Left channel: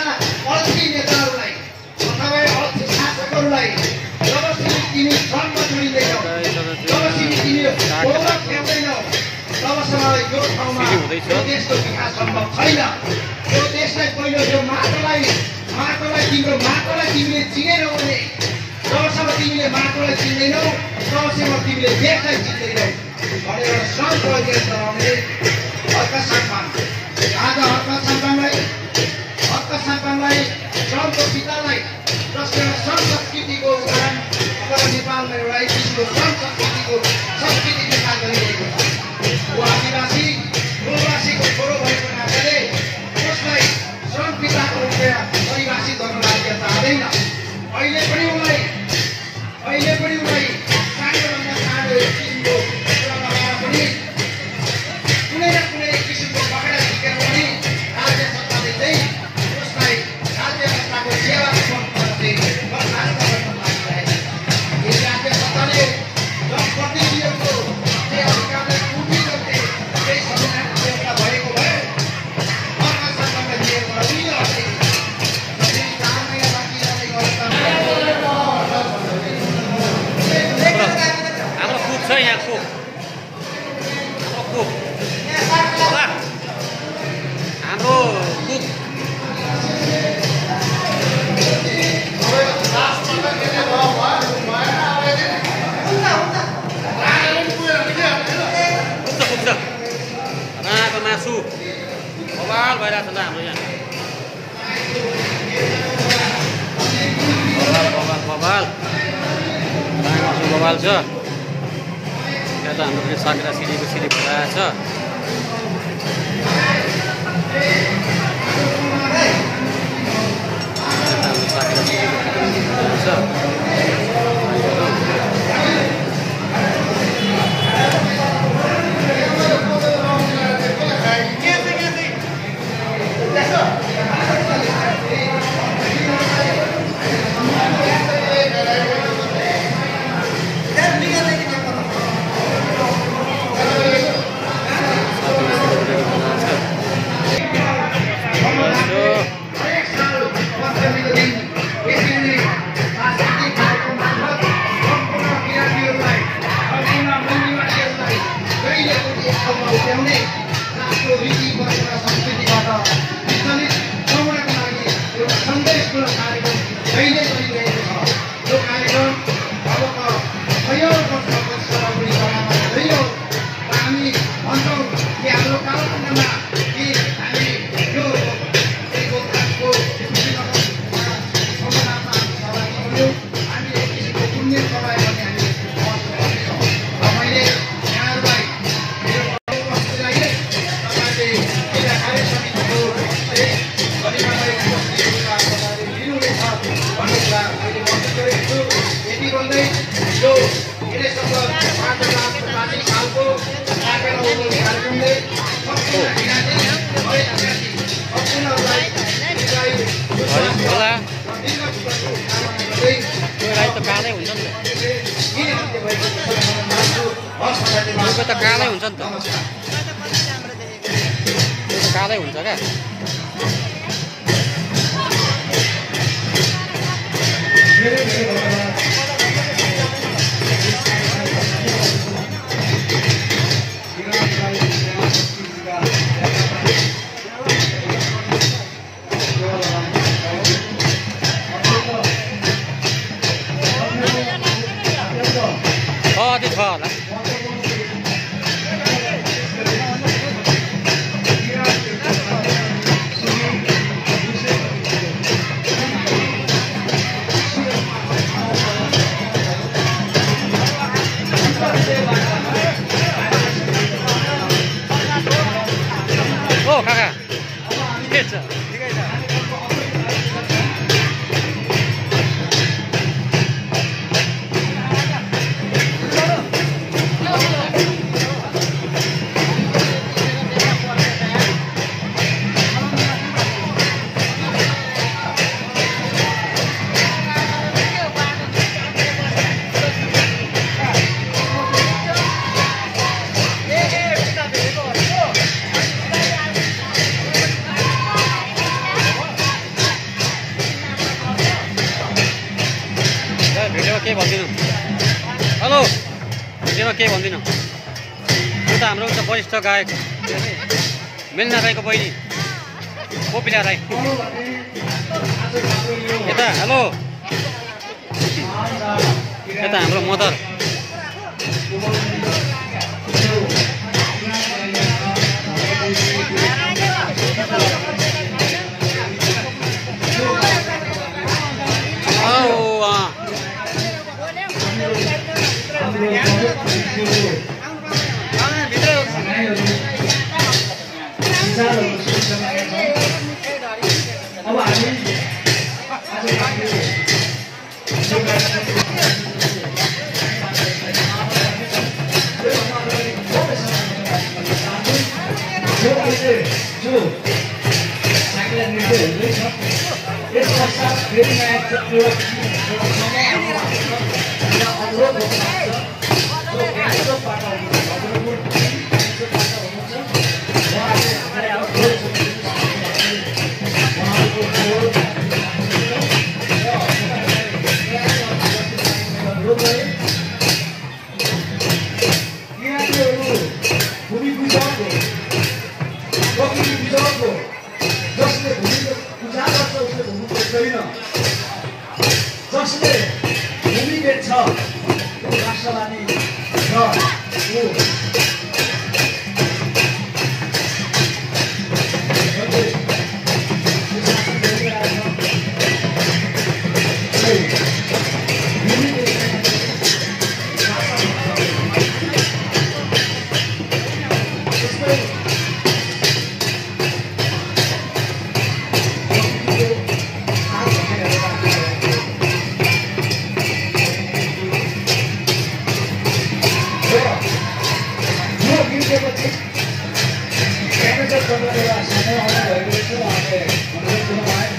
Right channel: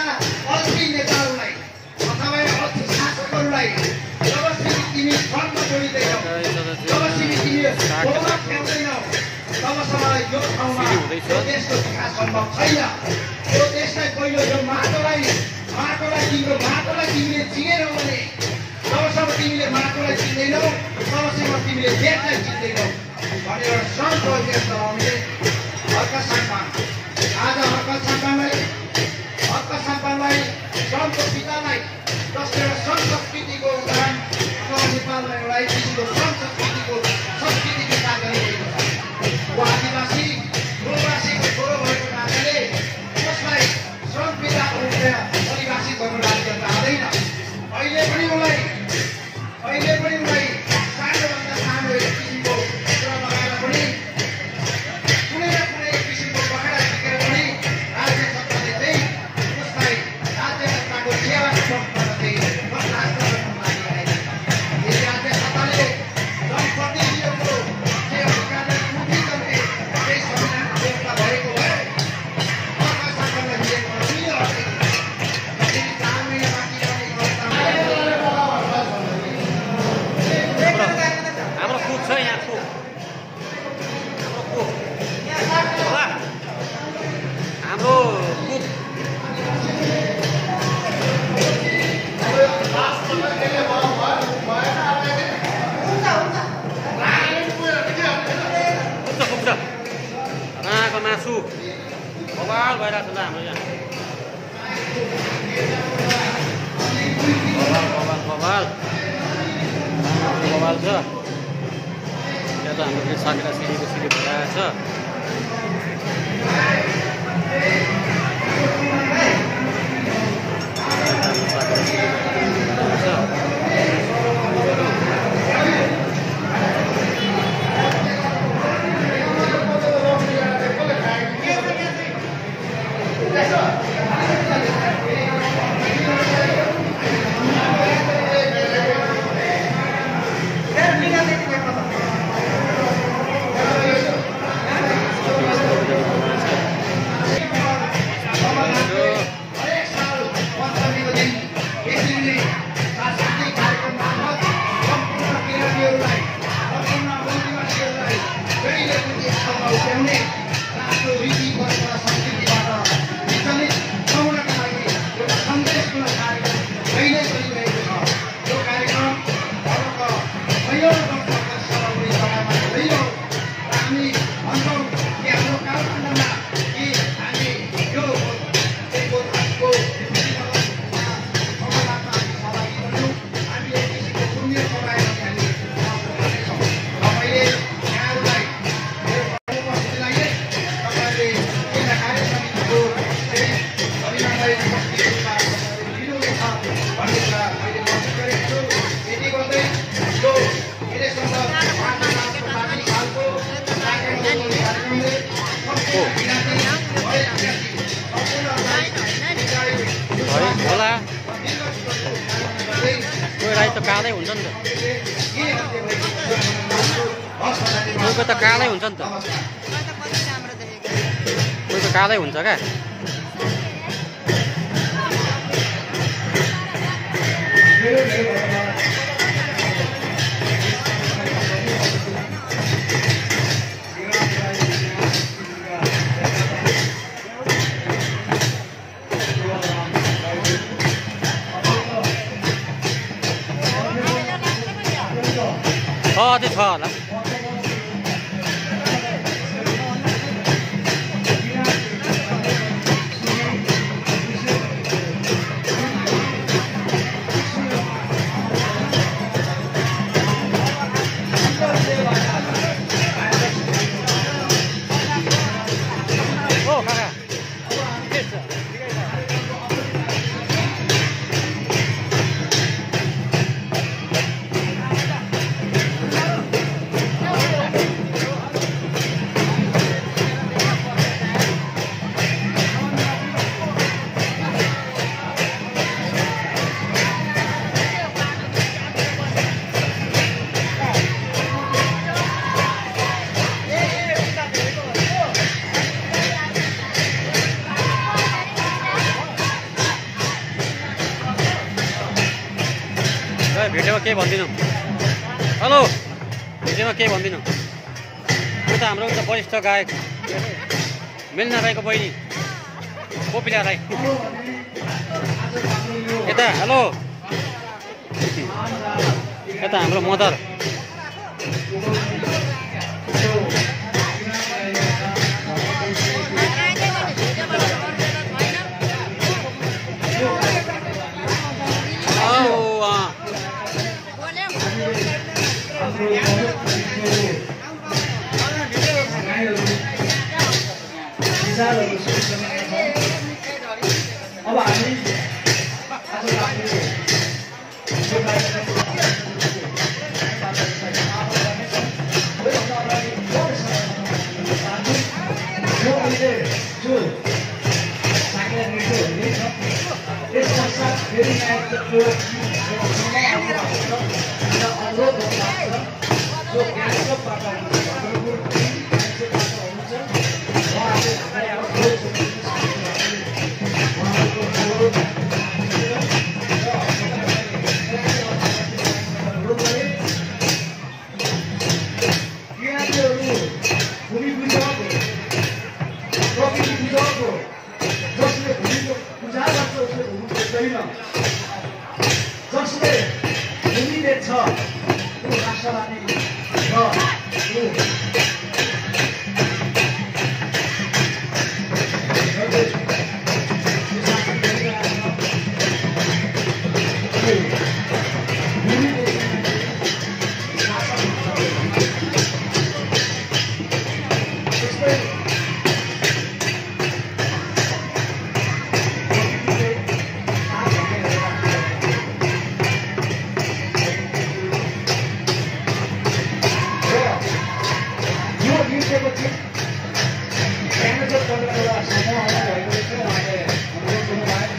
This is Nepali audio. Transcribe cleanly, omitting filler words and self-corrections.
अल्छी नेताहरूलाई अथवा अल्छी शासकहरूलाई जबसम्म तिमी श्रममा जोडिँदैनौ, जबसम्म तिमी गोबर फ्याउँदैनौ, तबसम्म यो ठाउँमा देशको विकास सम्भव छैन। यो देशलाई पहिलो यो माटोलाई तिम्रो माटोलाई तिमीले चिनेनौ भने, जबसम्म तिमीले माटोलाई चिन्दैनौ तबसम्म तिमीले देशलाई चिन्दैनौ भनेर श्रम प्रयोग गराउने हर्का सम्मान। आज हर्का सम्मानलाई श्रमको पितालाई जसले श्रम संस्कृतिको उदाहरण अथवा नेपालमा एउटा किसिमको श्रम संस्कृतिको संस्कृति विकास गरिरहेको छ। ऊ आदिवासीको छोरो भएको नाताले उसलाई श्रम पिताको रूपमा परिभाषित गर्न लाग्न चाहँदैन। अहिले पनि उनलाई सानोभन्दा सानो एक किसिमको कुरामा पनि कुनै न कुनै किसिमको पकडा झिकेर पनि राज्य सत्ताले चाहिँ उसलाई राज्य सत्ताको सेवा गर्दै बर्खास्त गर्न लागिरहेको छ। यदि राज्य सत्ताले जनप्रतिनिधिहरूको अधिकारलाई पूर्ति गर्ने त्यही संविधानको व्यवस्था भएको भए अर्का सरकारले दिएको उनीहरूले हाम्रो कुक छ यहाँ कुक हाम्रो कुक पुग्छ राको मासु बबाल भइरहेको छ त हाम्रो यहाँ बबाल छ। यहाँ त हाम्रो पनि साकेरा सिडीको सिडी भइरहेको छ। हाम्रो साकेरा सिडीको भइरहेको छ। कालै हुन्छ नि त कालै हुन्छ नि त कालै हुन्छ क्या। त्यो छ होला ओ काका के छ के भन्दिनौ हेलो भिडियोमा के भन्दिनौ यो त हाम्रो एउटा वरिष्ठ गायक के अरे मेलिना राईको बहिनी कोपिला राई यता हेलो यता हाम्रो मदर जसले भूमि बेच्छ त्यो राष्ट्रवादी Gracias.